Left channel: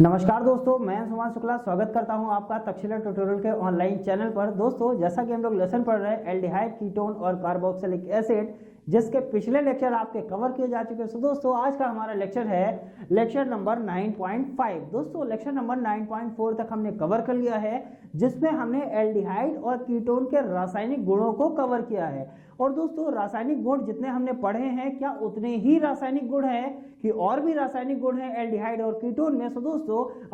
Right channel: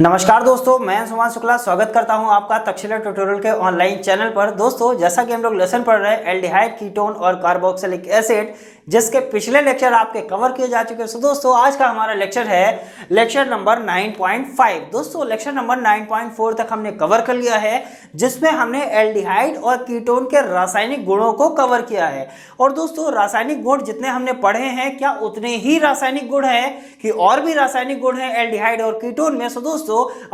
नमस्कार दोस्तों, मैं सुमान शुक्ला स्वागत करता हूं आपका तक्षशिला ट्यूटोरियल के ऑनलाइन चैनल पर। दोस्तों, जैसा कि हम लोग लेसन पढ़ रहे हैं एल्डिहाइड, कीटोन और कार्बोक्सिलिक एसिड, जिसके पिछले लेक्चर आपके कवर किए जा चुके हैं। सो दोस्तों, आज का हमारा लेक्चर है लेक्चर नंबर 9.5। दोस्तों, लेक्चर नंबर 9.4 तक हमने कवर कर लिया है, जिसमें हमने एल्डिहाइड और कीटोन के रासायनिक गुणों को कवर किया है। और दोस्तों, रासायनिक गुण जितने हमने पढ़े हैं, क्या उतने ही रासायनिक गुण हैं कि और भी रासायनिक गुण हैं एल्डिहाइड और कीटोन में? सो दोस्तों,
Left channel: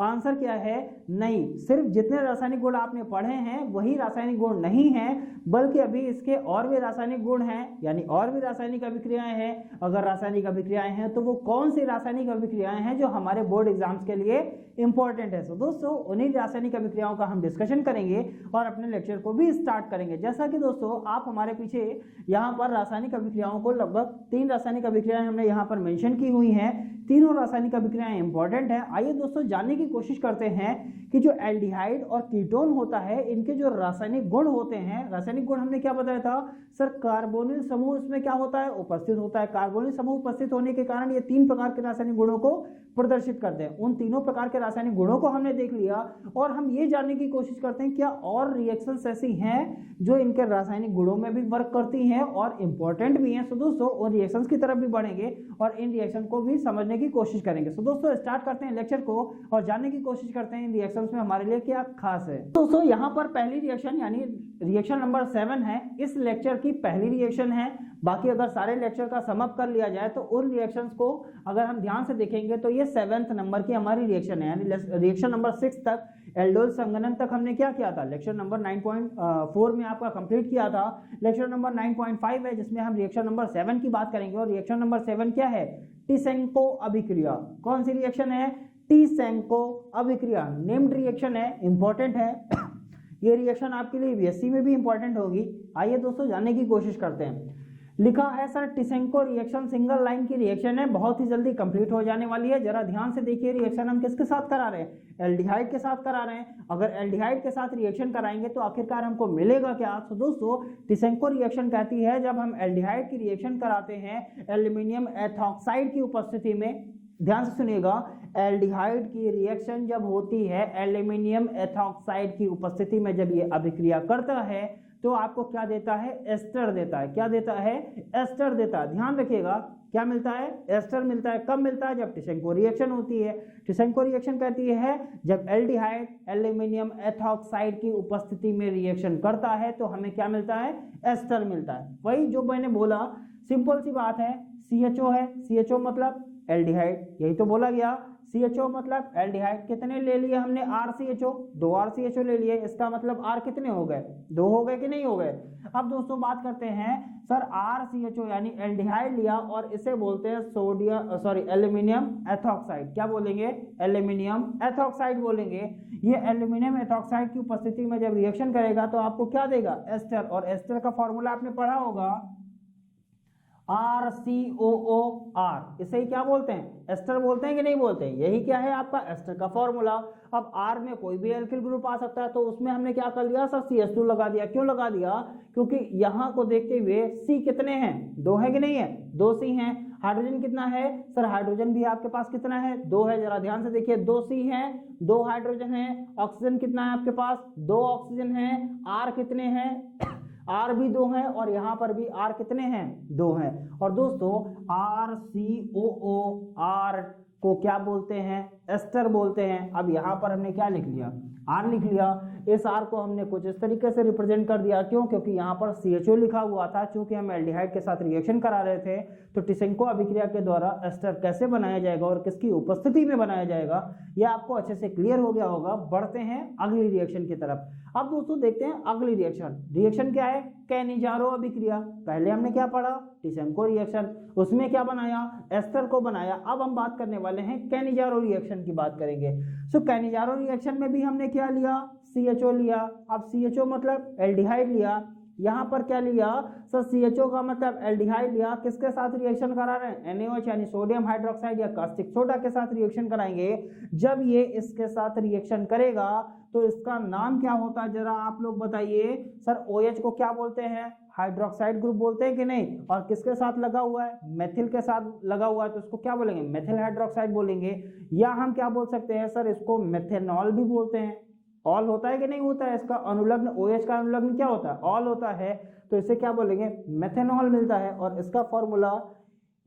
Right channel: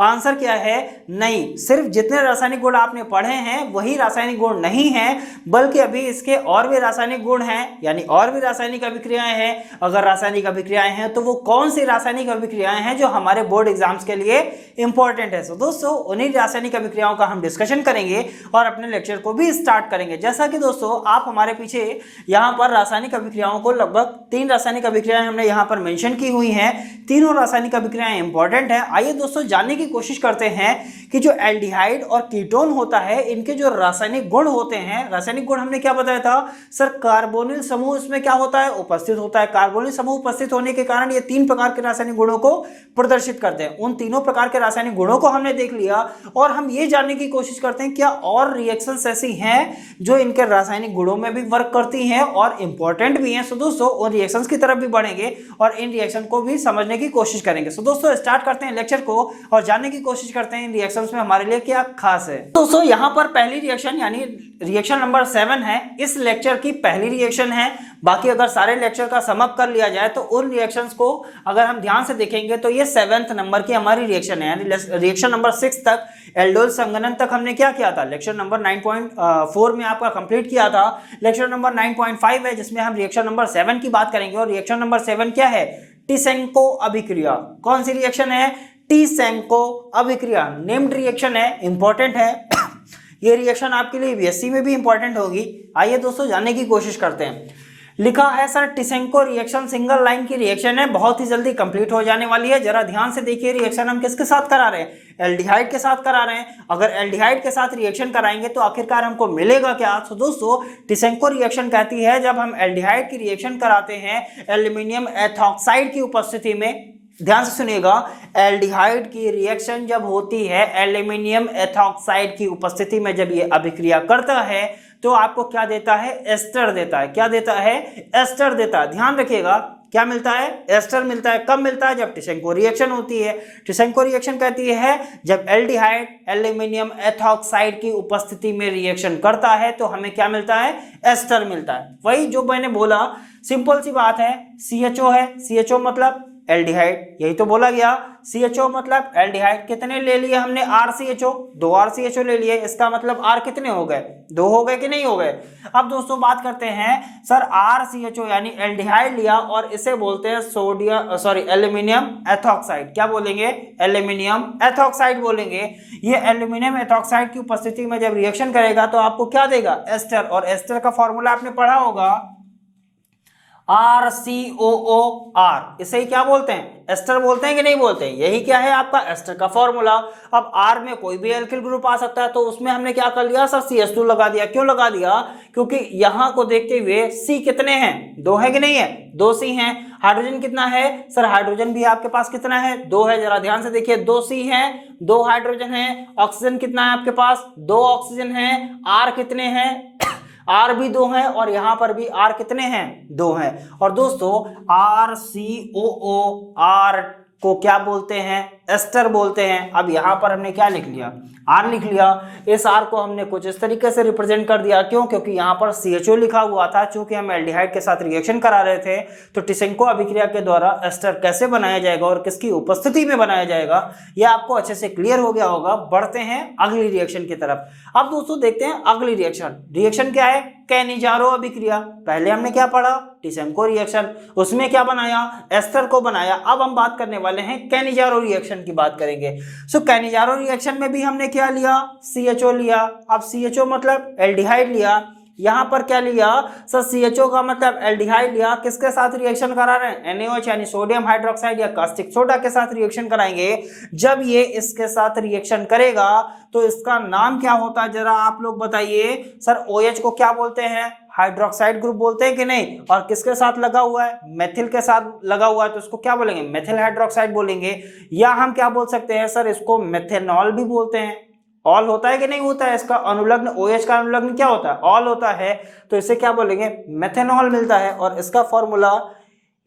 आंसर क्या है? नहीं, सिर्फ जितने रासायनिक गुण आपने पढ़े हैं वही रासायनिक गुण नहीं है, बल्कि अभी इसके और भी रासायनिक गुण हैं, यानी और भी रासायनिक अभिक्रियाएं हैं। अगर रासायनिक अभिक्रियाएं हैं तो वो कौन सी रासायनिक अभिक्रियाएं हैं जो हमारे बोर्ड एग्जाम्स के लिए इंपॉर्टेंट है? सो दोस्तों, उन्हीं रासायनिक अभिक्रियाओं का हम डिस्कशन करेंगे और अपने लेक्चर को भी स्टार्ट करेंगे। जैसा कि दोस्तों, आप हमारे पीछे यहाँ पर रासायनिक अभिक्रियाओं को लगभग 3 रासायनिक अभिक्रियाएं हमने यहाँ पर मेंशन की हुई हैं। तीनों रासायनिक अभिक्रियाएं इंपॉर्टेंट हैं। आइए दोस्तों, जानने की कोशिश करते हैं कि जो एल्डिहाइड और कीटोन होता है, इनके जो रासायनिक गुण होते हैं। रासायनिक गुण हमने क्या बताया था सर? कार्बोनिल समूह इसमें क्या होता है? उपस्थित होता है। कार्बोनिल समूह उपस्थित होने के कारण ये 3 प्रकार के रासायनिक गुणों को प्रदर्शित करते हैं। उन तीनों प्रकार के रासायनिक गुणों को हमने देख लिया और हम ये जानने की कोशिश करते हैं क्या और रिएक्शंस ऐसी हैं जो इनके रासायनिक गुणों में भी वर्क करती हैं और इंपॉर्टेंट भी हैं। सो दोस्तों, उन रिएक्शंस की तरफ भी बढ़ेंगे और इन रिएक्शन को भी समझने की कोशिश करेंगे। सो दोस्तों, स्टार्ट करते हैं लेक्चर को और जानने की कोशिश करते हैं इन रिएक्शंस में हमारे लिए क्या खास है। दोस्तों, यहां पर पहली रिएक्शन यानी रिएक्शन नंबर 7 है, इस लेक्चर की पहली रिएक्शन है। बाकी अगर सारे लेक्चर का सम अप कर लिया जाए तो उन रिएक्शंस को अगर हम ध्यान से देखेंगे तो ये 7th नंबर की हमारी रिएक्शन है। यानी रिएक्शन नंबर 6 तक, एल्डोल संघनन तक हमने क्या किया था? लेक्चर नंबर 9.4 में आपका कंप्लीट किया था। लेक्चर नंबर 9.5 है जिसमें हम रिएक्शन नंबर 7 की बात करेंगे। और रिएक्शन नंबर 7 क्या है? टिसेंको अभिक्रिया। कौन सी रिएक्शन है? टिसेंको अभिक्रिया। नेम्ड रिएक्शन है, इंपॉर्टेंट है। ये रिएक्शन आपके लिए बीएससी में भी इंपॉर्टेंट होगी। आइए दोस्तों, जानने की कोशिश करते हैं। लिखा है सर, टिसेंको रिएक्शन सिंगल लाइन की रिएक्शन है, बहुत ही जल्दी कंप्लीट हो जाने वाली है। जरा ध्यान से देखिए, रिएक्शन हम किसके साथ करा रहे हैं? एल्डिहाइड के साथ करा रहे हैं। अगर एल्डिहाइड के साथ रिएक्शन कराएंगे तो आखिरकार हमको मिलेगा क्या? तो दोस्तों, टिसेंको रिएक्शन कहती है जब हम एल्डिहाइड की रिएक्शन कराते हैं एल्यूमिनियम एथॉक्साइड की उपस्थिति में। ध्यान से सुनिएगा, एल्डिहाइड की रिएक्शन जब होती है एल्यूमिनियम एथॉक्साइड की उपस्थिति में, जब ये अभिक्रिया करता है तो आपको क्या देता है? एस्टर देता है। क्या देता है? एस्टर देता है। ध्यान रखिएगा, क्या मिलता है? एस्टर मिलता है। कब मिलता है? जब टिसेंको रिएक्शन होती है। टिसेंको रिएक्शन कहती है जब एल्डिहाइड एल्यूमिनियम एथॉक्साइड की उपस्थिति में रिएक्शन करता है तो हमें क्या मिलता है? एस्टर मिलता है। वही जो मैंने बोला, सिंपल सी बात है। CHO है, CHO मतलब एल्डिहाइड, यही तो बोला गया। CHO मतलब एल्डिहाइड। कितने ले लिए हमने? RCHO, 2 RCHO ले लिए। इसका मतलब R कितने हो गए? 2 हो गए कि नहीं हो गए? अब दोस्तों बात करते हैं सर, RCHO यानी एल्डिहाइड लिया और इसे बोलते हैं एल्यूमिनियम एथॉक्साइड। क्या बोलेंगे? एल्यूमिनियम एथॉक्साइड बोलेंगे। ये एल्यूमिनियम एथॉक्साइड की उपस्थिति में जब रिएक्शन करेगा तो आपको क्या देगा? एस्टर। और एस्टर का फॉर्मूला आपने पढ़ा होगा, RCOOR। इसे ही क्या बोलते हैं? एस्टर बोलते हैं कि नहीं बोलते हैं? यही क्या है आपका? एस्टर का फॉर्मूला। अब R में कोई भी एल्किल ग्रुप आ सकता है, तो उसमें हमने क्या कर लिया सर? CH2 लगा दिया। क्यों लगा दिया? क्योंकि यहां को देखते हुए C कितने हैं? 2 है कि नहीं है? 2 C हैं। हाइड्रोजन कितना है सर? हाइड्रोजन भी आपके पास कितना है? 2 है। जरा ध्यान से देखिए, 2 C है, 2 हाइड्रोजन है। ऑक्सीजन कितना है आपके पास? 2 ऑक्सीजन है। R कितने हैं? R भी 2 है और यहां पर भी R कितने हैं? 2 हैं। और दोस्तों, RCOOR को क्या बोलते हैं? एस्टर बोलते हैं। अब यहां पर हमने क्या लिख लिया? R लिख लिया। इस R को हमने कुछ इस तरीके से रिप्रेजेंट कर दिया। क्यों? क्योंकि यहां पर CHO लिखा हुआ था। चूंकि हम एल्डिहाइड के साथ रिएक्शन करा रहे थे तो टिसेंको अभिक्रिया के द्वारा एस्टर कैसे बनाया जाएगा और किसकी उपस्थिति में बनाया जाएगा, यह आपको अच्छे से क्लियर हो गया होगा। बढ़ते हैं अगली रिएक्शन की तरफ। अब दोस्तों देखते हैं अगली रिएक्शन। रिएक्शन क्या है? कैनिजारो अभिक्रिया। पहले हमने क्या पढ़ा? टिसेंको रिएक्शन, उसमें क्या बनाया? एस्टर को बनाया। अब हम बात करने वाले हैं कैनिजारो रिएक्शन की बात करेंगे। सो कैनिजारो रिएक्शन में भी हमने क्या लिया? CHO लिया। अब CHO मतलब एल्डिहाइड लिया। यहां पर क्या लिया सर? CHO का मतलब एल्डिहाइड लिया। किसके साथ रिएक्शन करा रहे हैं? NaOH यानी सोडियम हाइड्रोक्साइड या कास्टिक सोडा के साथ रिएक्शन कराएंगे। जब ये इसके साथ रिएक्शन करेगा तो इसका नाम क्या होता है? जरा आप लोग बताइए सर। OH को क्या बोलते हैं? हाइड्रोक्साइड ग्रुप बोलते हैं कि नहीं, और किसके साथ लगा हुआ है, मेथिल के साथ लगा हुआ है, तो इसको क्या बोलेंगे, मेथिल हाइड्रोक्साइड बोलेंगे। या हम क्या बोल सकते हैं सर, इसको मेथेनॉल भी बोलते हैं। ऑल होता है कि नहीं होता है, इसका अनुलग्न OH का अनुलग्न क्या होता है, ऑल होता है, तो इसे क्या बोलेंगे, मेथेनॉल मिलता है। और इसका फॉर्मूला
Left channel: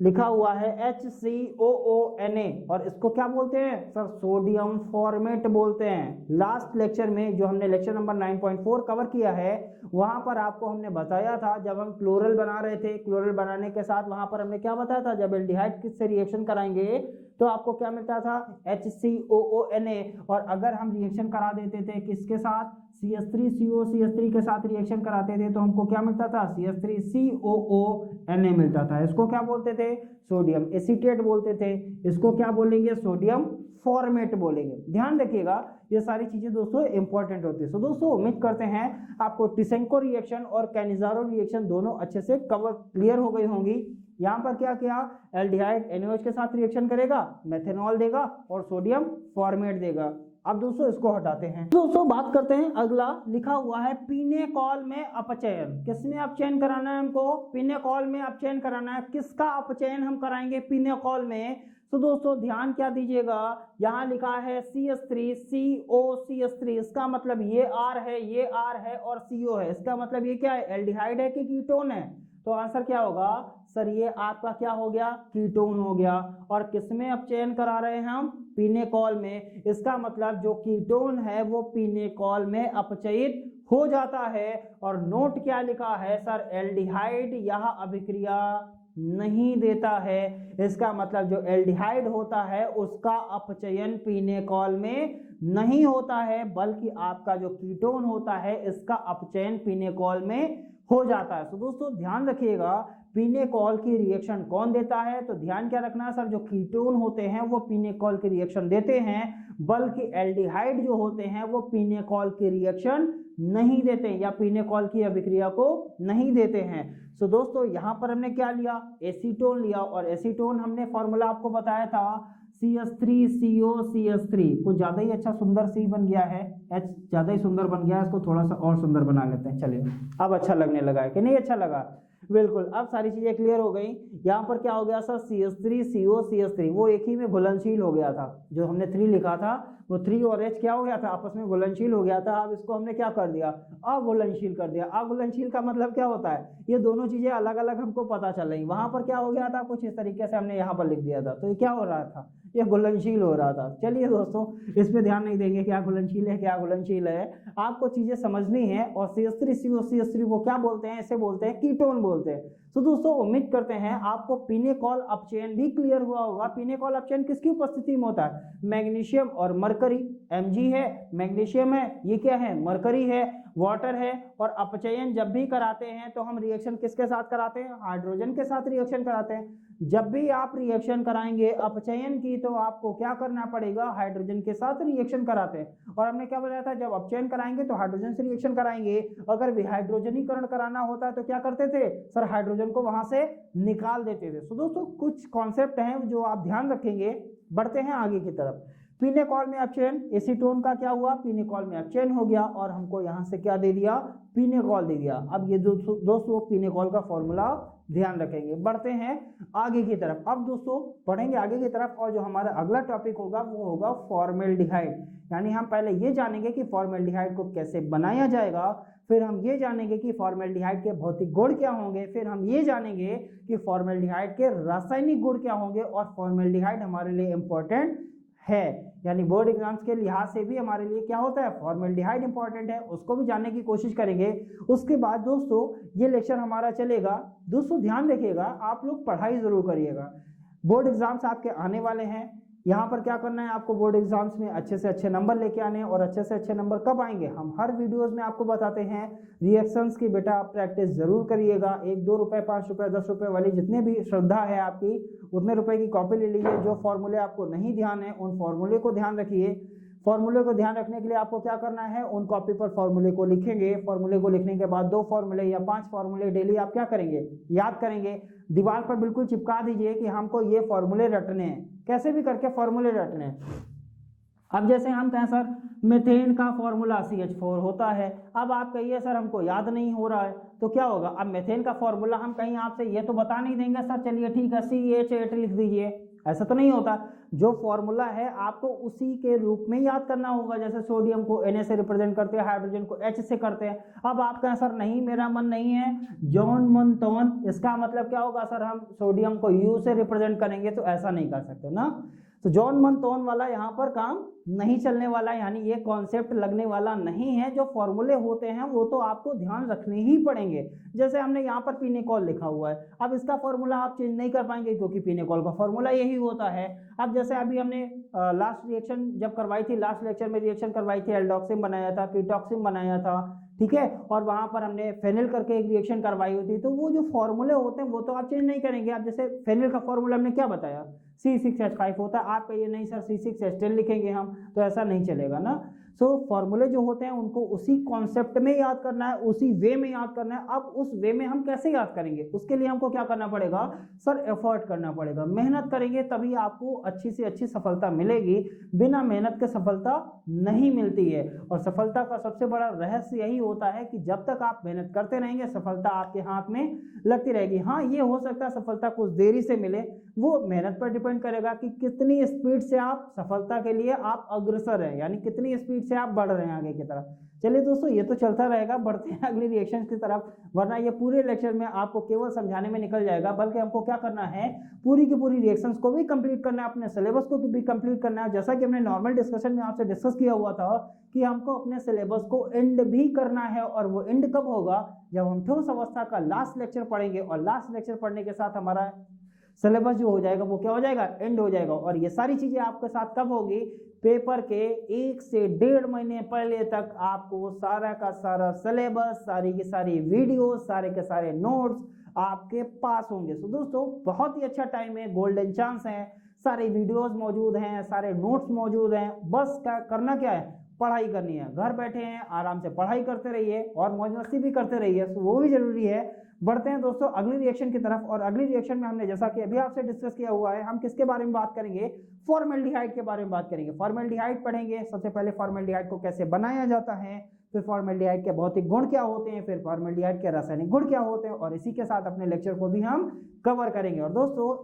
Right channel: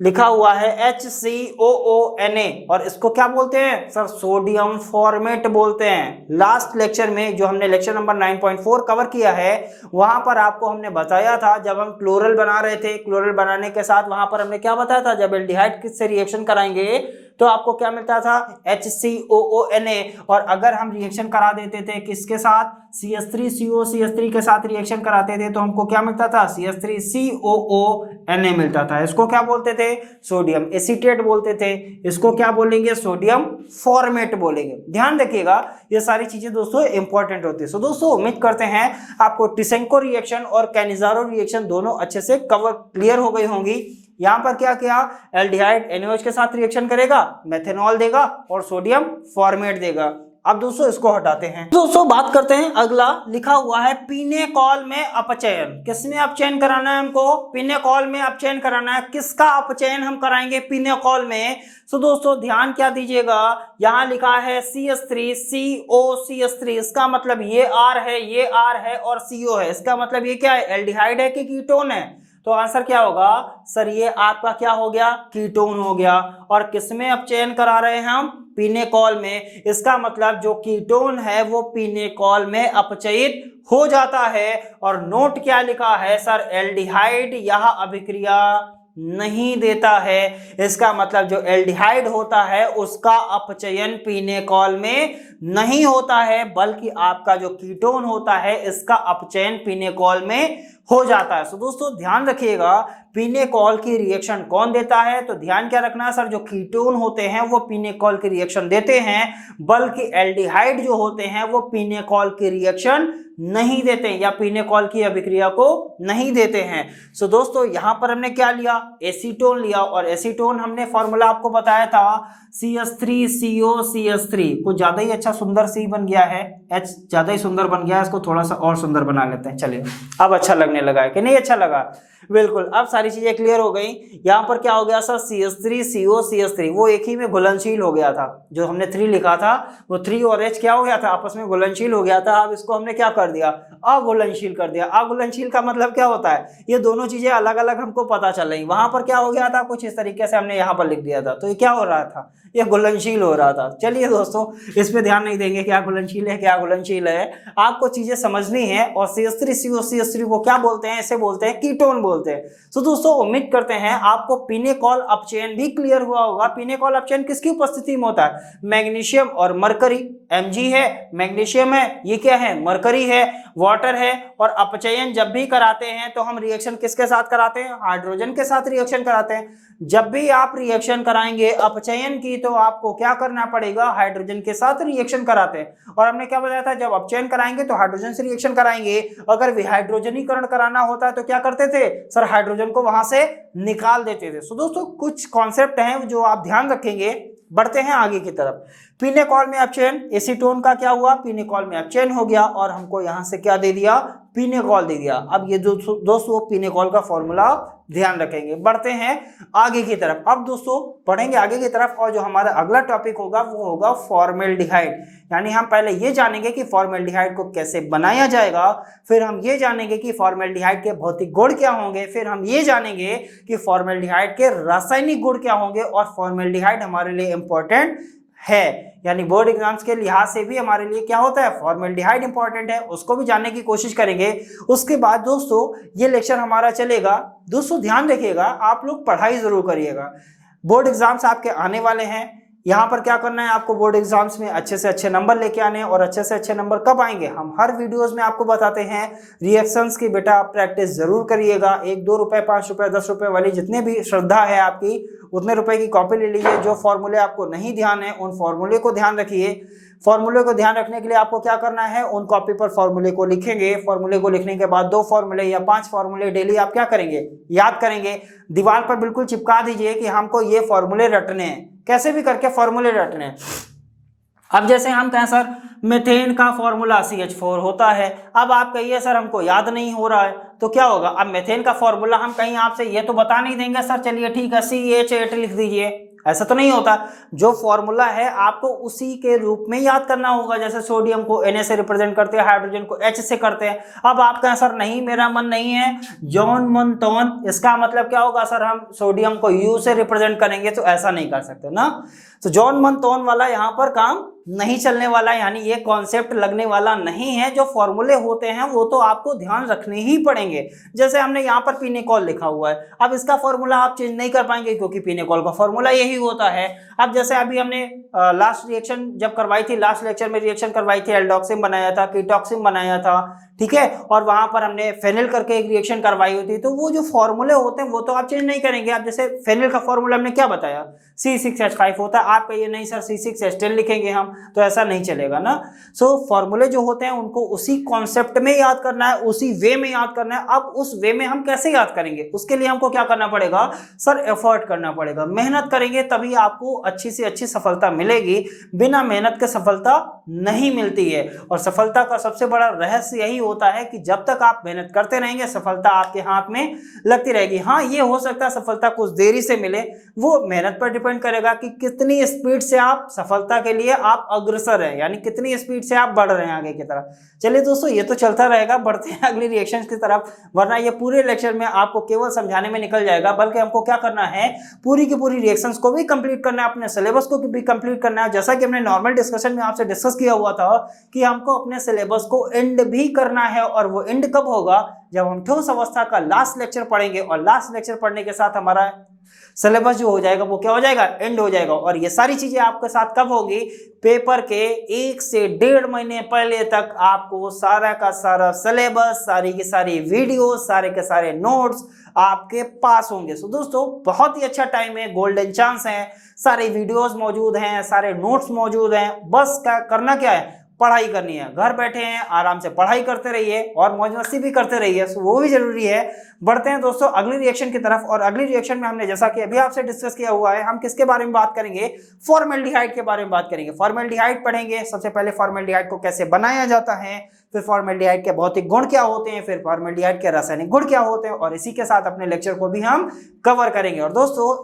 लिखा हुआ है HCOONA, और इसको क्या बोलते हैं सर, सोडियम फॉर्मेट बोलते हैं। लास्ट लेक्चर में जो हमने लेक्चर नंबर 9.4 कवर किया है, वहां पर आपको हमने बताया था, जब हम क्लोरल बना रहे थे, क्लोरल बनाने के साथ वहां पर हमने क्या बताया था, जब एल्डिहाइड किससे रिएक्शन कराएंगे तो आपको क्या मिलता था, HCOONA। और अगर हम रिएक्शन करा देते थे किसके साथ, CH3COCH3 के साथ रिएक्शन कराते थे, तो हमको क्या मिलता था, CH3COONA मिलता था। इसको क्या बोलते थे, सोडियम एसीटेट बोलते थे। इसको क्या बोलेंगे, सोडियम फॉर्मेट बोलेंगे। ध्यान रखिएगा, ये सारी चीजें दोस्तों इंपॉर्टेंट होती है। सो दोस्तों उम्मीद करते हैं आपको टिसेंको रिएक्शन और कैनिजारो रिएक्शन दोनों अच्छे से क्लियर हो गई होंगी। यहां पर क्या किया, एल्डिहाइड NaOH के साथ रिएक्शन करेगा, मेथेनॉल देगा और सोडियम फॉर्मेट देगा। अब दोस्तों इसको हटाते हैं। दोस्तों बात करते हैं, अगला लिखा हुआ है पिनेकॉल में अपचयन। किसमें अपचयन कराना है हमको, पिनेकॉल में अपचयन कराना है। किसका अपचयन हम कराएंगे पिनेकॉल में, तो दोस्तों ध्यान क्या दीजिएगा, यहां लिखा है CH3COCH3, इसका मतलब ये R है, ये R है और CO है, इसका मतलब ये क्या है, एल्डिहाइड है कि कीटोन है, तो आंसर क्या होगा सर, ये आपका क्या हो गया, कीटोन हो गया। और किसमें अपचयन करा रहे हैं हम, पिनेकॉल में, इसका मतलब जो कीटोन है वो पिनेकॉल में अपचयित हो जाता है। और नोट क्या लिखा है सर, एल्डिहाइड यह अभिक्रिया नहीं देता है, इसका मतलब जो एल्डिहाइड होता है उसका अपचयन पिनेकॉल में नहीं होता है, बल्कि आपका जो कीटोन होता है इसका अपचयन पिनेकॉल में हो जाता है। तो दोस्तों ध्यान रखिएगा, पिनेकॉल की रिएक्शन कौन देता है, तो ध्यान क्या रखना है सर, जो कीटोन होते हैं वो पिनेकॉल की रिएक्शन देते हैं, बल्कि एल्डिहाइड जो होते हैं वो पिनेकॉल की रिएक्शन नहीं देते या पिनेकॉल की अभिक्रिया को नहीं देते हैं। सो दोस्तों यहां पर हमने क्या लिया, एसीटोन लिया, और एसीटोन हमने फॉर्मूला आपको बताया था CH3COCH3, कुछ ज्यादा ही अच्छा सुंदर सी बन गया है, H ज्यादा ही सुंदर बन गया है, इसको थोड़ा सा और सुंदर बना लेते हैं। चलिए अब अच्छा लगने लगा है कि नहीं, अच्छा लगा, बिल्कुल अब सारी चीजें क्लियर हो गई। यहाँ पर क्या हो गया सर, CH3COCH3 वो एक ही में घुलनशील हो गया था, जो हमने 3 लिखा था वो 3 और H क्या हो गया था, आपस में घुलनशील हो गया था। अब इसको हमने क्या कर दिया, अघुलनशील कर दिया। अघुलनशील का मतलब क्या होता है, ये दोनों चीजें अलग अलग हमको पता चल रही, वहां पर क्या हो गया था, कुछ इस तरीके से हमने यहाँ पर लिख दिया था, तो ये क्या हो रहा था, ये घुलनशील हो रहा था। चलिए दोस्तों इस पे ध्यान नहीं देंगे, क्या घुलनशील है क्या घुलनशील है, आपको चीजें समझनी है। और CH3COCH3 को क्या बोलते हैं, इसे बोलते हैं कीटोन बोलते हैं। तो दोस्तों उम्मीद करते हैं आपको पिनेकॉल अपचयन भी क्लियर हुआ होगा। पिनेकॉल अपचयन किसकी उपस्थिति में होता है, मैग्नीशियम और मरकरी, Mg है, मैग्नीशियम है, ये क्या है, मरकरी है, वाटर है। और अपचयन जब भी कराते हैं तो हम रिएक्शन किसके साथ कराते हैं, हाइड्रोजन के साथ रिएक्शन कराते हैं। जब भी आप रिएक्शन कराएंगे अपचयन की, तो आपको क्या करना पड़ेगा, हाइड्रोजन के साथ रिएक्शन कराते हैं। और हमने क्या बताया था, जब अपचयन कराएंगे तो हाइड्रोजन से रिएक्शन कराएंगे, अगर विहाइड्रोजनीकरण कराना होता है तो क्या करते थे सर, हाइड्रोजन को वहां से निकाल देते थे। सो दोस्तों कुछ कॉन्सेप्ट हैं जो आप ध्यान रखेंगे। बढ़ते हैं आगे की तरफ। पिनेकॉल में अपचयन, एसीटोन का क्या हुआ, पिनेकॉल में अपचयन हो गया और हमको यहां से क्या दे दिया, पिनेकॉल दे दिया। अब ये दोस्तों पिनेकॉल का फॉर्मूला ध्यान रखेंगे। बढ़ते हैं आगे की तरफ। अब दोस्तों पढ़ेंगे आगे की तरफ, और जो हमारा अगला टॉपिक होगा वो होगा फॉर्मेल्डिहाइड। यानी हम पहले ये जानेंगे कि फॉर्मेल्डिहाइड को कैसे बनाया जाएगा, फिर हम ये जानेंगे कि फॉर्मेल्डिहाइड के भौतिक गुण क्या होंगे, फिर हम ये जानेंगे कि फॉर्मेल्डिहाइड के रासायनिक गुण क्या होंगे। और फॉर्मेल्डिहाइड हमारे लिए इंपॉर्टेंट है, यानी बोर्ड एग्जाम्स के लिहाज से भी हमारे लिए क्या होता है, फॉर्मेल्डिहाइड इंपॉर्टेंट है, उसको भी जानने की कोशिश करेंगे। उसके बाद दोस्तों ये लेक्चर हमारा चलेगा। दोस्तों ध्यान रखिएगा, आप लोग पढ़ाई जरूर करिएगा, बोर्ड एग्जाम्स आपके आने वाले हैं। यहाँ पर क्या करना है, आपको बोर्ड एग्जाम्स में अच्छे से अच्छे नंबर लेके आने हैं। और अच्छे से अच्छे नंबर कब आएंगे, हम हर वीडियोस में आपको बताते हैं। रिएक्शंस की बेटा आप प्रैक्टिस जरूर करिएगा। 1-2 रुपए, 5 रुपए, 10 रुपए वाली जितने भी श्रद्धा है आपकी, उतने रुपए की कॉपी ले लीजिए। जो फॉर्मूले आपको नहीं ध्यान है उन फॉर्मूले को ध्यान रखिए। फॉर्मूले को ध्यान रखने के लिए आपको क्या करना है, उन कॉपी पर फॉर्मूले को लिखेंगे। फॉर्मूले को लिखने के बाद 2 फॉर्मूले या 5 फॉर्मूले डेली आप क्या करेंगे, याद करेंगे। दीवार पर बिल्कुल चिपका दीजिए कि हमको ये फॉर्मूले रटने हैं, कैसे भी करके फॉर्मूले रटने हैं। अब जैसे हम कहें सर मीथेन का फॉर्मूला CH4 होता है, अब आप कहिए सर हमको याद नहीं हो रहा है, तो क्या होगा, अब मेथेन का फॉर्मूला हम कहीं आपसे ये तो बता नहीं देंगे सर चलिए ठीक है CH8 लिख दीजिए, ऐसा तो नहीं होता। जो फॉर्मूला है आपको उसी के रूप में याद करना होगा। जैसे सोडियम को Na से रिप्रेजेंट करते हैं, हाइड्रोजन को H से करते हैं। अब आप कहें सर नहीं मेरा मन नहीं है जॉन मन तोन, इसका मतलब क्या होगा सर हम सोडियम को U से रिप्रेजेंट करेंगे, तो ऐसा नहीं कर सकते ना। तो जॉन मन तोन वाला यहाँ पर काम नहीं चलने वाला, यानी ये कॉन्सेप्ट लगने वाला नहीं है। जो फॉर्मूले होते हैं वो तो आपको ध्यान रखने ही पड़ेंगे। जैसे हमने यहाँ पर पिनेकॉल लिखा हुआ है, अब इसका फॉर्मूला आप चेंज नहीं कर पाएंगे क्योंकि पिनेकॉल का फॉर्मूला यही होता है। अब जैसे अभी हमने लास्ट रिएक्शन जब करवाई थी, लास्ट लेक्चर में रिएक्शन करवाई थी, एल्डोक्सिन बनाया था, कीटॉक्सिन बनाया था, ठीक है, और वहां पर हमने फेनिल करके एक रिएक्शन करवाई होती है। तो वो जो फॉर्मूले होते हैं वो तो आप चेंज नहीं करेंगे। आप जैसे फेनिल का फॉर्मूला हमने क्या बताया, C6H5 होता है, आप कहिए नहीं सर C6H10 लिखेंगे हम, तो ऐसा नहीं चलेगा ना। सो फॉर्मूले जो होते हैं उनको उसी कॉन्सेप्ट में याद करना है, उसी वे में याद करना है। अब उस वे में हम कैसे याद करेंगे, उसके लिए हमको क्या करना पड़ेगा सर, एफर्ट करना पड़ेगा, मेहनत करेंगे तभी आपको अच्छी से अच्छी सफलता मिलेगी। बिना मेहनत के सफलता नहीं मिलती है, और सफलता का सबसे बड़ा रहस्य यही होता है कि जब तक आप मेहनत करते रहेंगे सफलता आपके हाथ में लगती रहेगी। हाँ, ये हो सकता है सफलता कुछ देरी से मिले, वो मेहनत पर डिपेंड करेगा कि कितनी स्पीड से आप सफलता के लिए आप अग्रसर हैं, यानी कितनी स्पीड से आप बढ़ रहे हैं आगे की तरफ। चलिए दोस्तों, ये तो चलता रहेगा, बढ़ते हैं अगली रिएक्शन की तरफ, वरना ये पूरे लेक्चर में आपको केवल समझाने में निकल जाएगा। बल्कि हमको क्या करना है, पूरी की पूरी रिएक्शंस को भी कंप्लीट करना है, अपने सिलेबस को भी कंप्लीट करना है। जैसा कि हमने नॉर्मल डिस्कशन में आपसे डिस्कस किया हुआ था कि हमको अपने सिलेबस को एंड भी करना है, और वो एंड कब होगा, जब हम ठोस अवस्था का लास्ट लेक्चर पढ़ेंगे, और लास्ट लेक्चर पढ़ने के साथ हमारा सिलेबस जो हो जाएगा वो क्या हो जाएगा, एंड हो जाएगा। और ये सारी चीजें आपके साथ कब होगी, पेपर के 1 से 1.5 महीने पहले तक आपको सारा का सारा सिलेबस, सारी की सारी वीडियो, सारे के सारे नोट्स आपके पास होंगे। सो दोस्तों, बहुत ही अच्छा टाइम है, गोल्डन चांस है, सारे वीडियोस मौजूद हैं, सारे नोट्स मौजूद हैं। बस करना क्या है, पढ़ाई करनी है। घर बैठे हैं आराम से पढ़ाई करते रहिए और मौज मस्ती भी करते रहिए, सो वो भी जरूरी है। बढ़ते हैं दोस्तों अगली रिएक्शन की तरफ, और अगली रिएक्शन में हमने जैसा कि अभी आपसे डिस्कस किया हुआ है, हम किसके बारे में बात करेंगे, फॉर्मेल्डिहाइड के बारे में बात करेंगे। फॉर्मेल्डिहाइड पढ़ेंगे, सबसे पहले फॉर्मेल्डिहाइड को कैसे बनाया जाता है, फिर फॉर्मेल्डिहाइड के भौतिक गुण क्या होते हैं, फिर फॉर्मेल्डिहाइड के रासायनिक गुण क्या होते हैं, और इसी के साथ अपने लेक्चर को भी हम कवर करेंगे। और दोस्तों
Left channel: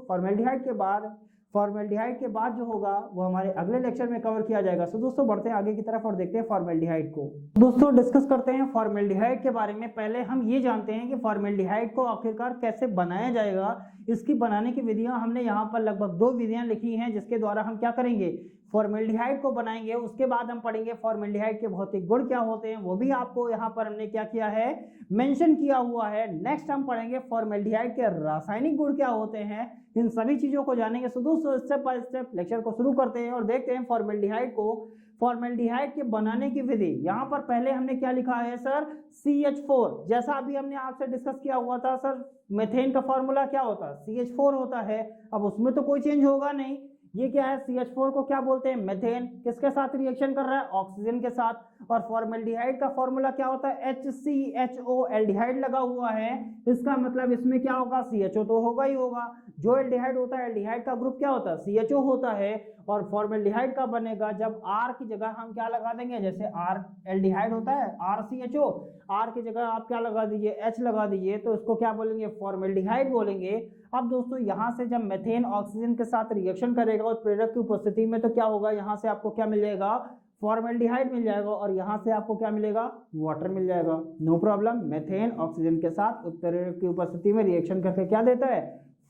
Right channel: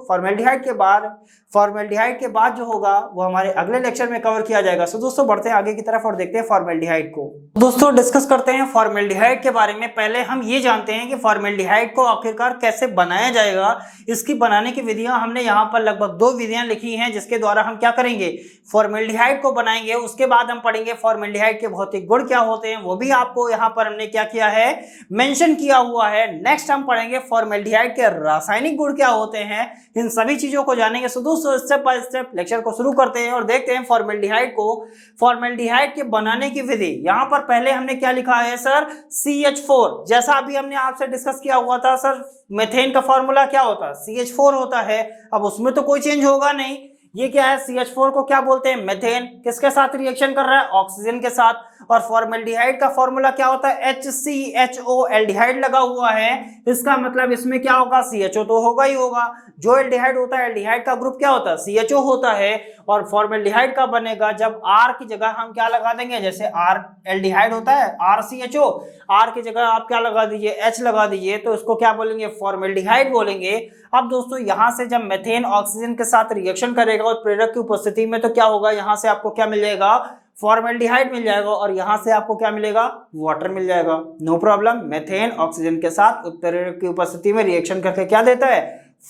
फॉर्मेल्डिहाइड के बाद जो होगा वो हमारे अगले लेक्चर में कवर किया जाएगा। सो दोस्तों बढ़ते हैं आगे की तरफ और देखते हैं फॉर्मेल्डिहाइड को। दोस्तों डिस्कस करते हैं फॉर्मेल्डिहाइड के बारे में। पहले हम ये जानते हैं कि फॉर्मेल्डिहाइड को आखिरकार कैसे बनाया जाएगा। इसकी बनाने की विधियां हमने यहाँ पर लगभग 2 विधियां लिखी हैं, जिसके द्वारा हम क्या करेंगे, फॉर्मेल्डिहाइड को बनाएंगे। उसके बाद हम पढ़ेंगे फॉर्मेल्डिहाइड के भौतिक गुण क्या होते हैं, वो भी आपको यहाँ पर हमने क्या किया है, मेंशन किया हुआ है। नेक्स्ट हम पढ़ेंगे फॉर्मेल्डिहाइड के रासायनिक गुण क्या होते हैं, इन सभी चीजों को जानेंगे। सो दोस्तों स्टेप बाय स्टेप लेक्चर को शुरू करते हैं और देखते हैं फॉर्मेल्डिहाइड को, फॉर्मेल्डिहाइड के बनाने की विधि। यहाँ पर पहले हमने क्या लिखा है सर, CH4। जैसा अभी हमने आपसे डिस्कस किया हुआ था सर, मेथेन का फॉर्मूला क्या होता है, CH4 होता है। अब उसमें तो कोई चेंज होगा नहीं। ये क्या है, CH4 को क्या बोलते हैं, मेथेन। किसके साथ रिएक्शन कर रहा है, ऑक्सीजन के साथ। और फॉर्मेल्डिहाइड का फॉर्मूला क्या होता है, HCHO, एल्डिहाइड लगा हुआ है। इसका मतलब इसमें क्या होगा, CHO तो होगा ही होगा। जो एल्डिहाइड होता है, एल्डिहाइड का ग्रुप क्या होता है, CHO होता है। और फॉर्मेल्डिहाइड का बनेगा जब R की जगह हम क्या लगा देंगे, जैसे R एल्डिहाइड होता है RCHO, R की जगह आप क्या लगा दीजिए, H लगा दीजिए, तो इसको क्या बोलेंगे, फॉर्मेल्डिहाइड बोलेंगे। अब दोस्तों यहाँ से जब मेथेन ऑक्सीजन के साथ रिएक्शन करेगा और प्रेरक की उपस्थिति में, तो क्या होगा, यहाँ से आपको क्या मिल जाएगा, फॉर्मेल्डिहाइड मिल जाएगा, और यहाँ से आपको क्या मिलेगा, वाटर मिल जाएगा। No problem. मेथेन ऑक्सीजन के साथ प्रेरक की उपस्थिति में रिएक्शन करके क्या देता है,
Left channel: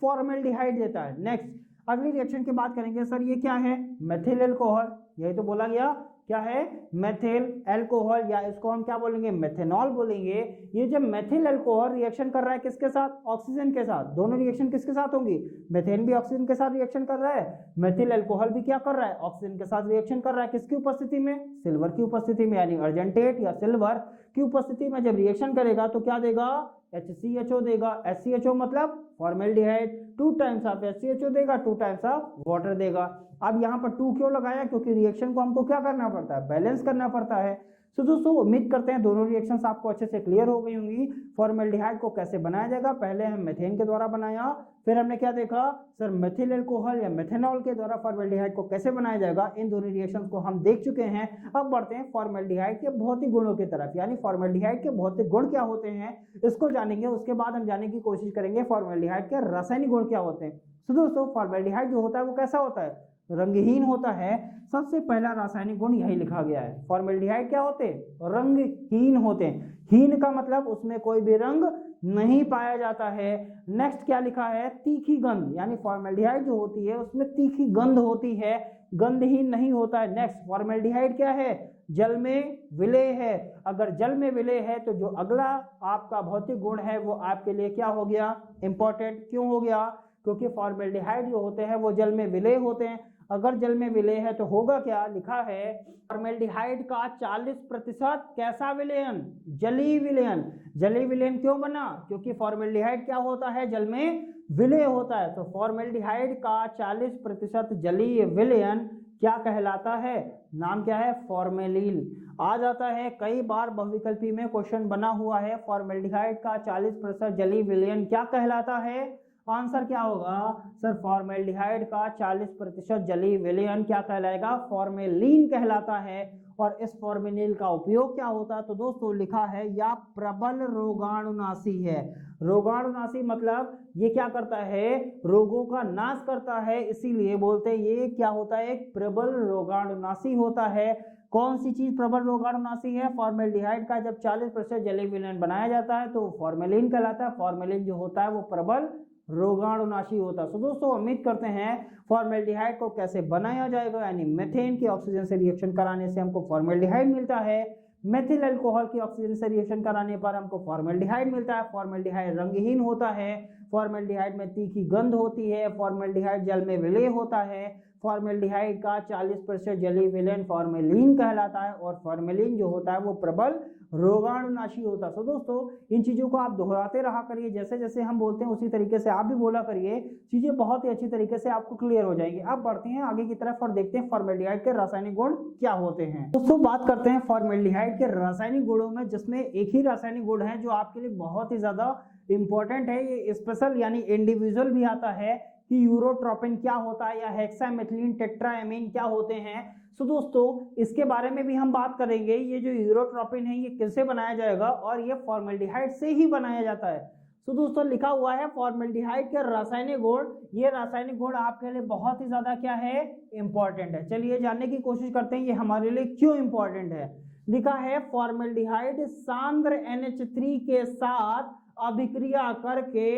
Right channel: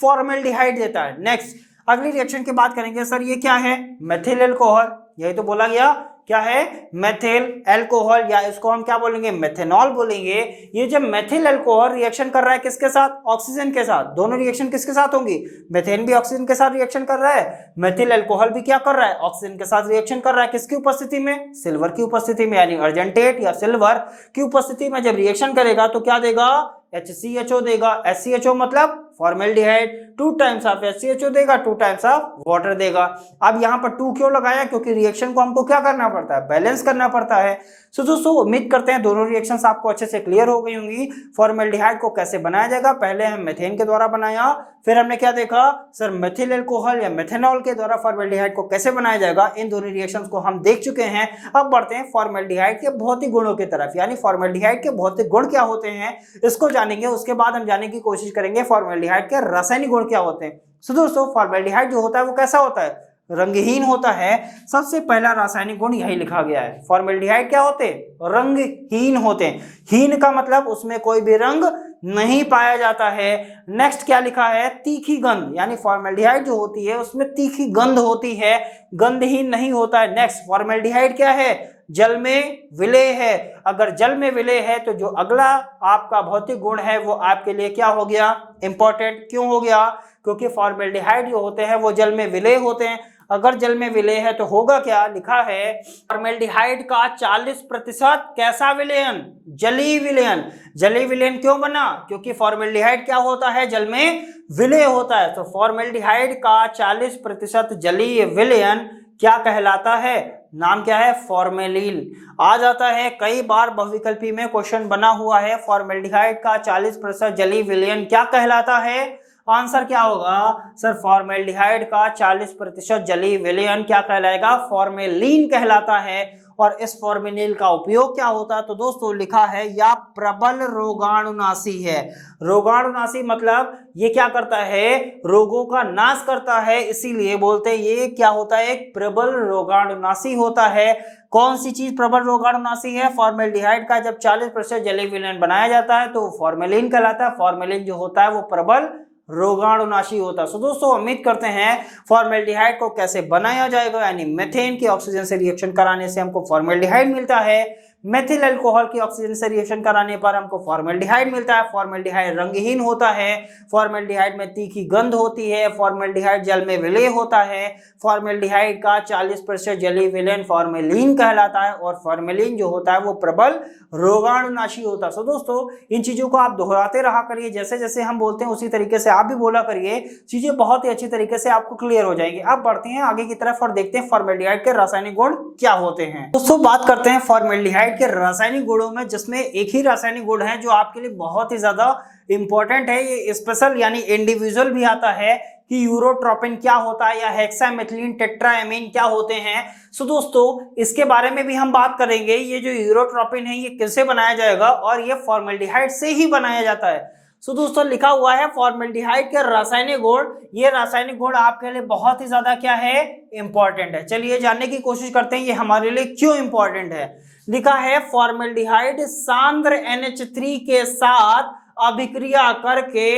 फॉर्मेल्डिहाइड देता है। नेक्स्ट अगली रिएक्शन की बात करेंगे। सर ये क्या है, मेथिल एल्कोहल, यही तो बोला गया, क्या है, मेथिल एल्कोहल, या इसको हम क्या बोलेंगे, मेथेनॉल बोलेंगे। ये जब मेथिल एल्कोहल रिएक्शन कर रहा है किसके साथ, ऑक्सीजन के साथ। दोनों रिएक्शन किसके साथ होंगी, मेथेन भी ऑक्सीजन के साथ रिएक्शन कर रहा है, मेथिल एल्कोहल भी क्या कर रहा है, ऑक्सीजन के साथ रिएक्शन कर रहा है। किसकी उपस्थिति में, सिल्वर की उपस्थिति में, यानी अर्जेंटेट या सिल्वर की उपस्थिति में जब रिएक्शन करेगा तो क्या देगा, HCHO देगा। HCHO मतलब फॉर्मेल्डिहाइड, 2 टाइम्स ऑफ HCHO देगा, 2 टाइम्स ऑफ वाटर देगा। अब यहाँ पर 2 क्यों लगाया, क्योंकि रिएक्शन को हमको क्या करना पड़ता है, बैलेंस करना पड़ता है। सो दोस्तों उम्मीद करते हैं दोनों रिएक्शंस आपको अच्छे से क्लियर हो गई होंगी। फॉर्मेल्डिहाइड को कैसे बनाया जाएगा, पहले हम मेथेन के द्वारा बनाया, फिर हमने क्या देखा सर मेथिल अल्कोहल या मेथेनॉल के द्वारा फॉर्मेल्डिहाइड को कैसे बनाया जाएगा। इन दोनों रिएक्शंस को हम देख चुके हैं। अब बढ़ते हैं फॉर्मेल्डिहाइड के भौतिक गुणों की तरफ, यानी फॉर्मेल्डिहाइड के भौतिक गुण क्या होते हैं इसको जानेंगे। उसके बाद हम जानने की कोशिश करेंगे फॉर्मेल्डिहाइड के रासायनिक गुण क्या होते हैं। सो दोस्तों फॉर्मेल्डिहाइड जो होता है वो कैसा होता है, रंगहीन होता है। सबसे पहला रासायनिक गुण यही लिखा गया है। फॉर्मेल्डिहाइड क्या होते हैं, रंगहीन होते हैं। हीन का मतलब उसमें कोई भी रंग नहीं पाया जाता है। नेक्स्ट क्या लिखा है, तीखी गंध, यानी फॉर्मेल्डिहाइड जो होती है उसमें तीखी गंध होती है, गंधहीन नहीं होता है। नेक्स्ट फॉर्मेल्डिहाइड क्या है, जल में विलेय है। अगर जल में विलेय है तो जो अगला आपका भौतिक गुण है वो आपके लिए क्या हो गया, इंपॉर्टेंट। क्यों हो गया, क्योंकि फॉर्मेल्डिहाइड जो होते हैं वो जल में विलेय होते हैं। अगर जल में विलेय है तो होगा क्या, लिखा है फॉर्मेल्डिहाइड का 40% कैसा विलयन, जलीय विलयन। जलीय विलयन क्यों बना, क्योंकि फॉर्मेल्डिहाइड क्या होता है, जल में विलेय होता है। तो फॉर्मेल्डिहाइड का 40% जलीय विलयन क्या कहलाता है, नाम क्या है, फॉर्मेलिन। आ जाता है कई बार बहुविकल्पी में क्वेश्चन बना हुआ है, फॉर्मेल्डिहाइड का 40% जलीय विलयन क्या कहलाता है। आंसर क्या होगा सर, फॉर्मेल्डिहाइड का 40% जलीय विलयन क्या कहलाएगा, फॉर्मेलिन कहलाता है। और इस फॉर्मेलिन का उपयोग क्या होता है, तो दोस्तों लिखा है या प्रबल रोगाणुनाशी है। रोगाणुनाशी मतलब ये क्या करता है, रोगों का नाश करता है, इसीलिए बोलते हैं ये क्या होता है, एक प्रबल रोगाणुनाशी होता है। कौन सी चीज प्रबल रोगाणुनाशी है, फॉर्मेल्डिहाइड का जब 40% जलीय विलयन बनाया जाता है तो फॉर्मेलिन कहलाता है। फॉर्मेलिन जो होता है वो प्रबल रोगाणुनाशी होता है। सो दोस्तों उम्मीद करते हैं फॉर्मेल्डिहाइड को कैसे बनाया जाएगा, यानी मेथेन के ऑक्सीजन से रिएक्शन कराने से हमको फॉर्मेल्डिहाइड मिलता है, मेथिल अल्कोहल की ऑक्सीजन से रिएक्शन कराने पर हमको फॉर्मेल्डिहाइड मिलता है। फॉर्मेल्डिहाइड रंगहीन होता है, फॉर्मेल्डिहाइड में तीखी गंध होती है, फॉर्मेल्डिहाइड जल में विलेय होता है। फॉर्मेल्डिहाइड का 40% जलीय विलयन फॉर्मेलिन कहलाता है और फॉर्मेलिन जो होता है वो प्रबल रोगाणुनाशी होता है। सो दोस्तों इन चीजों को आप दोहराते रहा करिए, जैसे जैसे हम बोलते हैं उसी तरीके से आप भी बोला करिए, चीजें बहुत ही अच्छी तरीके से आपको क्लियर हो जाएंगी। अब बढ़ते हैं आगे की तरफ और देखते हैं फॉर्मेल्डिहाइड के रासायनिक गुण क्या होते हैं। दोस्तों बात करते हैं फॉर्मेल्डिहाइड के रासायनिक गुणों में, जिसमें एक ही रासायनिक गुण है जो आपके लिए बहुत ही ज्यादा इंपॉर्टेंट है, ये स्पेशल यानी इंडिविजुअल भी आता है कि यूरोट्रोपिन क्या होता है या हेक्सामेथिलीन टेट्राएमीन क्या होते हैं। सो दोस्तों इसके बारे में भी हम बात करेंगे। ये जो यूरोट्रोपिन है ये किससे बनाया जाएगा, और ये फॉर्मेल्डिहाइड से ही बनाया जाता है। सो दोस्तों लिखा हुआ है फॉर्मेल्डिहाइड के रासायनिक गुण, ये रासायनिक गुण आपके लिए बहुत ही ज्यादा क्या है, इंपॉर्टेंट है। चलिए जानने की कोशिश करते हैं ये हमारे लिए क्यों इंपॉर्टेंट है। लिखा है फॉर्मेल्डिहाइड सांद्र NH3 के साथ अभिक्रिया करके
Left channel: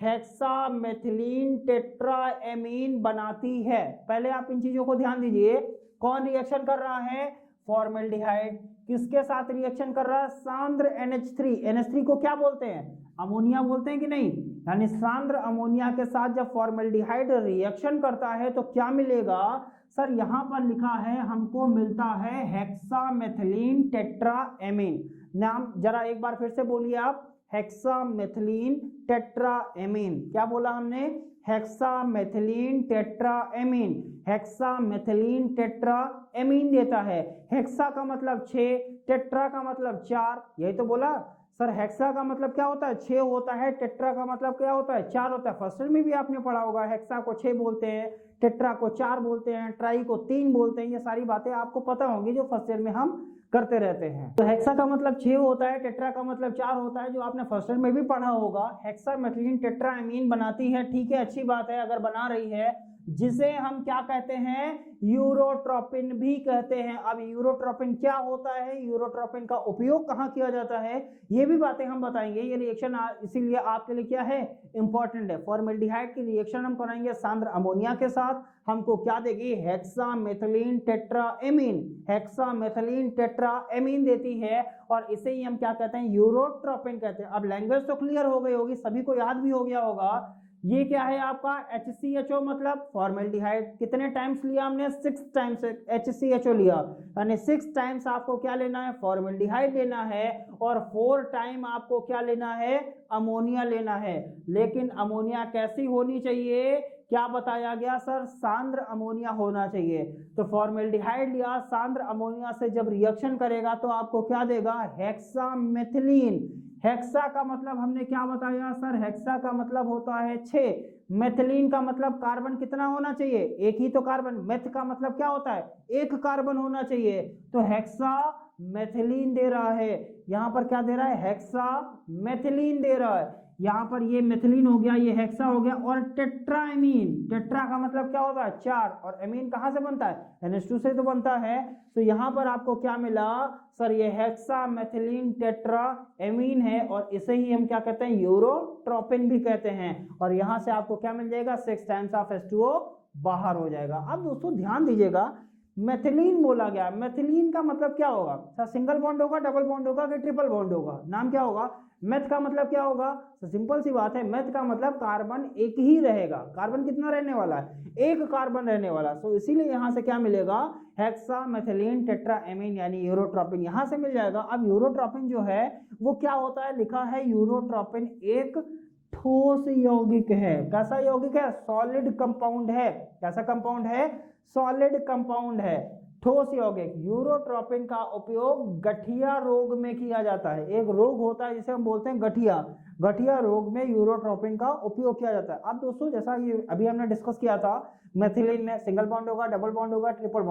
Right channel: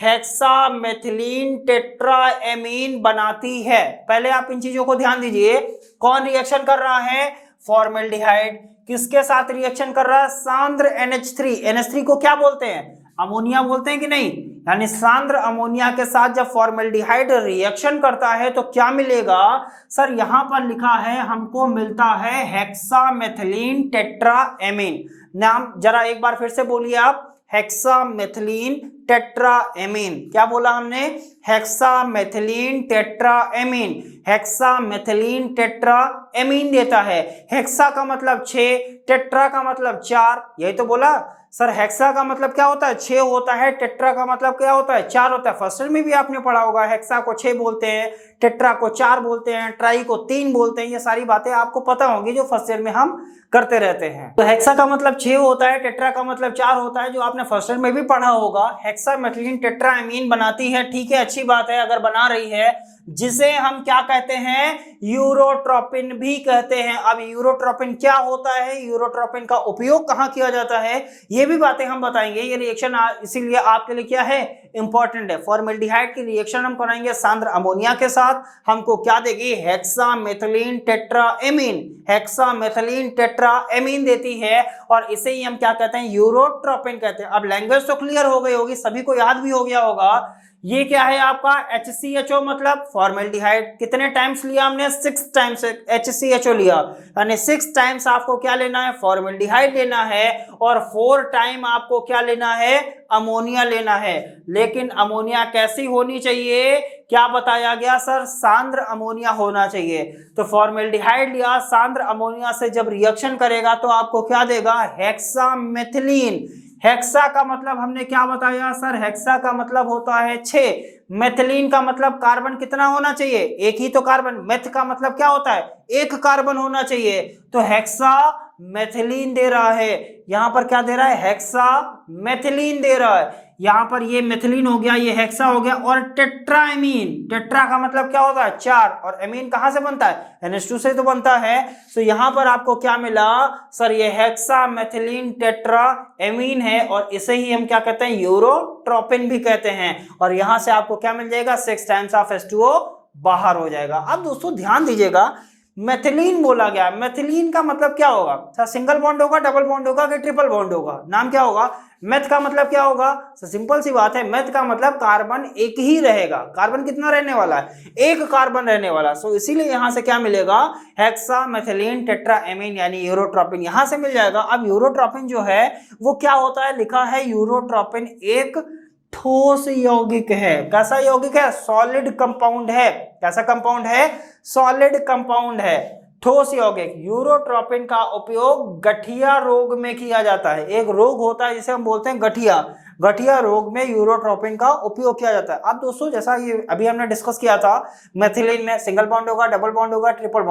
हेक्सामेथिलीन टेट्राएमीन बनाती है। पहले आप इन चीजों को ध्यान दीजिए, कौन रिएक्शन कर रहा है, फॉर्मेल्डिहाइड किसके साथ रिएक्शन कर रहा है, सांद्र NH3। NH3 को क्या बोलते हैं, अमोनिया बोलते हैं कि नहीं, यानी सांद्र अमोनिया के साथ जब फॉर्मेल्डिहाइड रिएक्शन करता है तो क्या मिलेगा सर, यहां पर लिखा है हमको मिलता है हेक्सामेथिलीन टेट्राएमीन। नाम जरा एक बार फिर से बोलिए आप, हेक्सामेथिलीन टेट्राएमीन। क्या बोला हमने, हेक्सामेथिलीन टेट्राएमीन। हेक्सामेथिलीन टेट्राएमीन देता है। हेक्सा का मतलब 6, टेट्रा का मतलब 4, यही तो बोला सर। हेक्सा का मतलब क्या होता है, 6 होता है, टेट्रा का मतलब क्या होता है, 4 होता है। फर्स्ट ईयर में भी आपने पढ़ा होगा, हेक्सा को 6 बोलते हैं, टेट्रा को 4 बोलते हैं, ट्राई को 3 बोलते हैं। ये सारी बातें आपको पता होंगी जो फर्स्ट ईयर में हम करते रहते हैं। तो हेक्सा का मतलब 6 होता है, टेट्रा का मतलब 4 होता है, जो आपने फर्स्ट ईयर में भी पढ़ा होगा। हेक्सामेथिलीन टेट्राएमीन बनाती है, ठीक है, अच्छी बात है अगर बना रही है, जिसे हम क्या कहते हैं, यूरोट्रोपिन भी कहते हैं। अब यूरोट्रोपिन क्या होता है, यूरोट्रोपिन का उपयोग कहाँ किया जाता है, ये भी बातें हम बताएंगे। ये रिएक्शन इसीलिए आपके लिए क्या है, इंपॉर्टेंट है। फॉर्मेल्डिहाइड की रिएक्शन हम कराएंगे सांद्र अमोनिया के साथ, हमको क्या देगी, हेक्सामेथिलीन टेट्राएमीन। हेक्सामेथिलीन टेट्राएमीन देती है और इसे ही हम क्या कहते हैं, यूरोट्रोपिन कहते हैं। अब लैंग्वेज तो क्लियर हो गई होगी, सभी को याद भी हो गया होगा। ये क्या है आपका HCHO मतलब फॉर्मेल्डिहाइड। कितने टाइम्स लिया हमने? 6 टाइम्स HCHO लिया, यानी 6 टाइम्स आपको क्या लेना है? फॉर्मेल्डिहाइड लेना है, और 4 टाइम आपको क्या लेना है? अमोनिया लेना है। लेकिन अमोनिया कैसी होनी चाहिए? क्या बताया गया सर? सांद्र अमोनिया होना चाहिए। तो फॉर्मेल्डिहाइड लिया, सांद्र अमोनिया से जब रिएक्शन करेगा तो आपको क्या देगा? हेक्सामेथिलीन। हेक्सा का मतलब हमने क्या बताया सर? हेक्सा का मतलब होता है 6। मेथिलीन का मतलब कार्बन कितना होना चाहिए? एक ही तो कार्बन। मेथ का मतलब क्या होता है? एक कार्बन होना चाहिए। तो हेक्सा मेथिलीन दे रहा है। यहां पर क्या दे रहा है? हेक्सा मेथिलीन दे रहा है। यहां पर ये मेथिलीन हो गया, ये हेक्सा हो गया, और टेट्राएमीन। टेट्रा का मतलब क्या होता है? 4, और एमीन कहां से बनता है? NH2 से तो बनता है। तो यहां पर आपको क्या मिला सर? ये हेक्सा मेथिलीन टेट्रा एमीन है, और इसे ही हम क्या कहते हैं? यूरोट्रोपिन भी कहते हैं। और यहां से आपको क्या मिल जाएगा? 6 टाइम्स ऑफ H2O बाहर हो जाएगा। अब दोस्तों ध्यान दीजिएगा, मेथिलीन बोला गया। मेथिलीन का मतलब क्या होगा? सर सिंगल बॉन्ड होगा, डबल बॉन्ड होगा कि ट्रिपल बॉन्ड होगा? नाम क्या होगा? मेथ का मतलब क्या होगा? सर सिंपल सी बात है, मेथ का मतलब कार्बन एक ही रहेगा। कार्बन कितना रहने वाला है? एक कार्बन रहने वाला। सो इसीलिए यहां से क्या मिलेगा? हेक्सा मेथिलीन टेट्राएमीन यानी यूरोट्रोपिन यहां से मिल जाएगा। अब यूरोट्रोपिन जो है वो क्या होता है? लिखा है यूरोट्रोपिन एक ठोस यौगिक है। कैसा यौगिक है? सॉलिड कंपाउंड है। कैसा कंपाउंड है? सॉलिड कंपाउंड है, ठोस यौगिक। यूरोट्रोपिन का उपयोग गठिया रोग में किया जाता है। एक रोग होता है जिसे हम बोलते हैं गठिया। गठिया रोग में यूरोट्रोपिन का उपयोग किया जाता है। अब दोस्तों जैसा ये अभी हमने डिस्कस किया था, मेथिलीन में सिंगल बॉन्ड होगा, डबल बॉन्ड होगा, ट्रिपल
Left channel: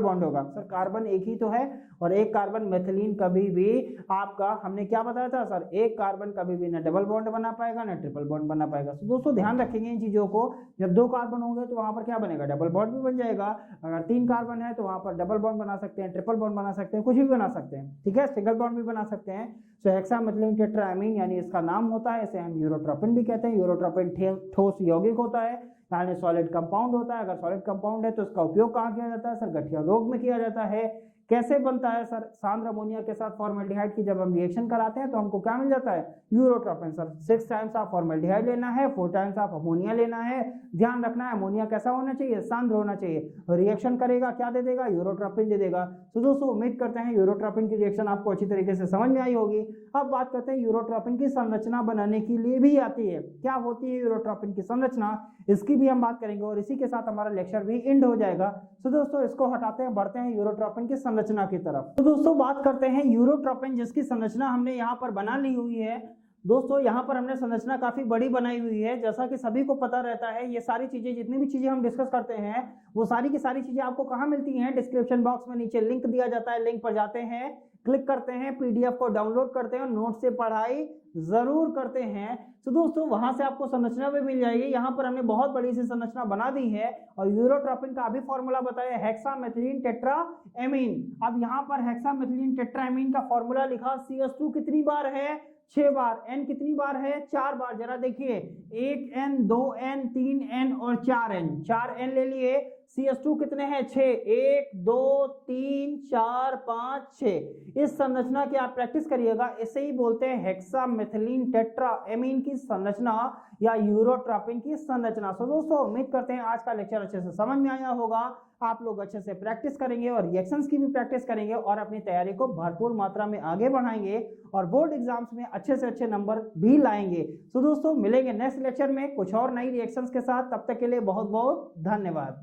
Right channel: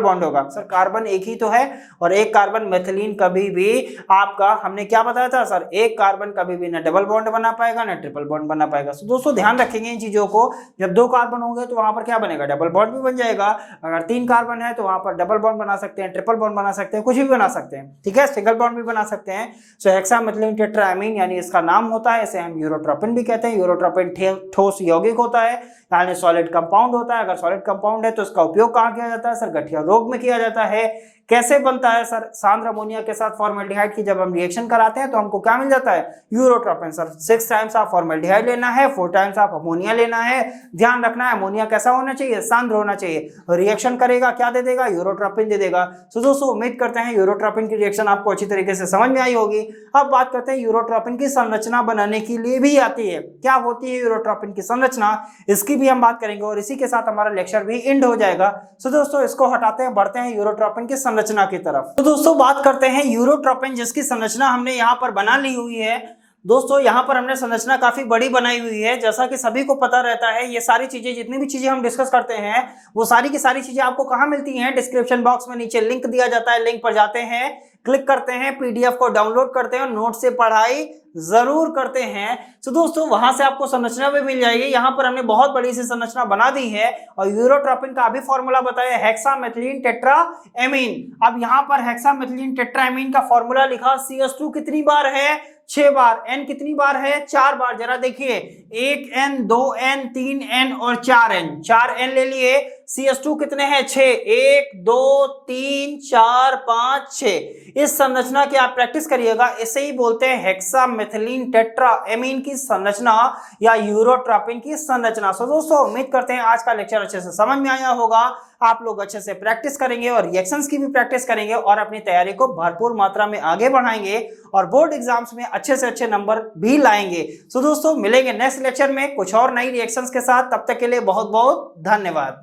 बॉन्ड होगा। सर कार्बन एक ही तो है, और एक कार्बन मेथिलीन कभी भी आपका हमने क्या बताया था सर? एक कार्बन कभी भी ना डबल बॉन्ड बना पाएगा ना ट्रिपल बॉन्ड बना पाएगा। तो दोस्तों ध्यान रखेंगे इन चीजों को। जब 2 कार्बन होंगे तो वहां पर क्या बनेगा? डबल बॉन्ड भी बन जाएगा। अगर 3 कार्बन है तो वहां पर डबल बॉन्ड बना सकते हैं, ट्रिपल बॉन्ड बना सकते हैं, कुछ भी बना सकते हैं। ठीक है, सिंगल बॉन्ड भी बना सकते हैं। सो हेक्सामेथिलीन टेट्राएमीन यानी इसका नाम होता है, इसे हम यूरोट्रोपिन भी कहते हैं। यूरोट्रोपिन ठोस यौगिक होता है, यानी सॉलिड कंपाउंड होता है। अगर सॉलिड कंपाउंड है तो इसका उपयोग कहां किया जाता है सर? गठिया रोग में किया जाता है। कैसे बनता है सर? सांद्र अमोनिया के साथ फॉर्मेल्डिहाइड की जब हम रिएक्शन कराते हैं तो हमको क्या मिल जाता है? Urotropin. Sir 6 times of formaldehyde लेना है, 4 टाइम्स ऑफ अमोनिया लेना है। ध्यान रखना है अमोनिया कैसा होना चाहिए? सांद्र होना चाहिए। रिएक्शन करेगा क्या दे देगा? यूरोट्रोपिन दे देगा। तो दोस्तों उम्मीद करते हैं यूरोट्रोपिन की रिएक्शन आपको अच्छी तरीके से समझ में आई होगी। अब बात करते हैं यूरोट्रोपिन की संरचना बनाने के लिए भी आती है। क्या होती है यूरोट्रोपिन की संरचना, इसकी भी हम बात करेंगे, और इसी के साथ हमारा लेक्चर भी एंड हो जाएगा। तो दोस्तों इसको हटाते हैं, बढ़ते हैं यूरोट्रोपिन की संरचना की तरफ। तो दोस्तों बात करते हैं यूरोट्रोपिन, जिसकी संरचना हमने यहाँ पर बना ली हुई है। दोस्तों यहाँ पर हमने संरचना काफी बड़ी बनाई हुई है। जैसा कि सभी को पता रहता है, ये सारी चीजें, जितनी भी चीजें हम डिस्कस करते हैं, वो सारी की सारी चीजें आपको कहाँ मिलती हैं? डिस्क्रिप्शन बॉक्स में नीचे लिंक दिया जाता है। लिंक पर जाते हैं, क्लिक करते हैं, PDF को डाउनलोड करते हैं, नोट से पढ़ाई जरूर करते हैं। तो दोस्तों वहां से आपको संरचना भी मिल जाएगी। यहाँ पर हमने बहुत बड़ी सी संरचना बना दी है, और यूरोट्रोपिन का अभी फॉर्मूला बताया, हेक्सामेथिलीन टेट्राएमीन। अब यहाँ पर हेक्सामेथिलीन टेट्राएमीन का फॉर्मूला लिखा, CH2 कितनी बार है? 6 बार। N कितनी बार है? 4 बार। जरा देखिए, 1N 2N 3N और 4N। 4N ले लिए। CH2 कितने हैं? 6। 1 2 3 4 5 6। इस संरचना की आप प्रैक्टिस करिएगा। इसे ही बोलते हैं हेक्सामेथिलीन टेट्राएमीन की संरचना या यूरोट्रोपिन की संरचना। सो दोस्तों उम्मीद करते हैं आज का लेक्चर अच्छे से समझ में आया होगा। आप लोग अच्छे से प्रैक्टिस करेंगे और रिएक्शंस की भी प्रैक्टिस करेंगे, और अपनी तैयारी को भरपूर मात्रा में आगे बढ़ाएंगे, और बोर्ड एग्जाम्स में अच्छे से अच्छे नंबर भी लाएंगे। सो दोस्तों मिलेंगे नेक्स्ट लेक्चर में कुछ और नई रिएक्शंस के साथ। तब तक के लिए बहुत बहुत धन्यवाद।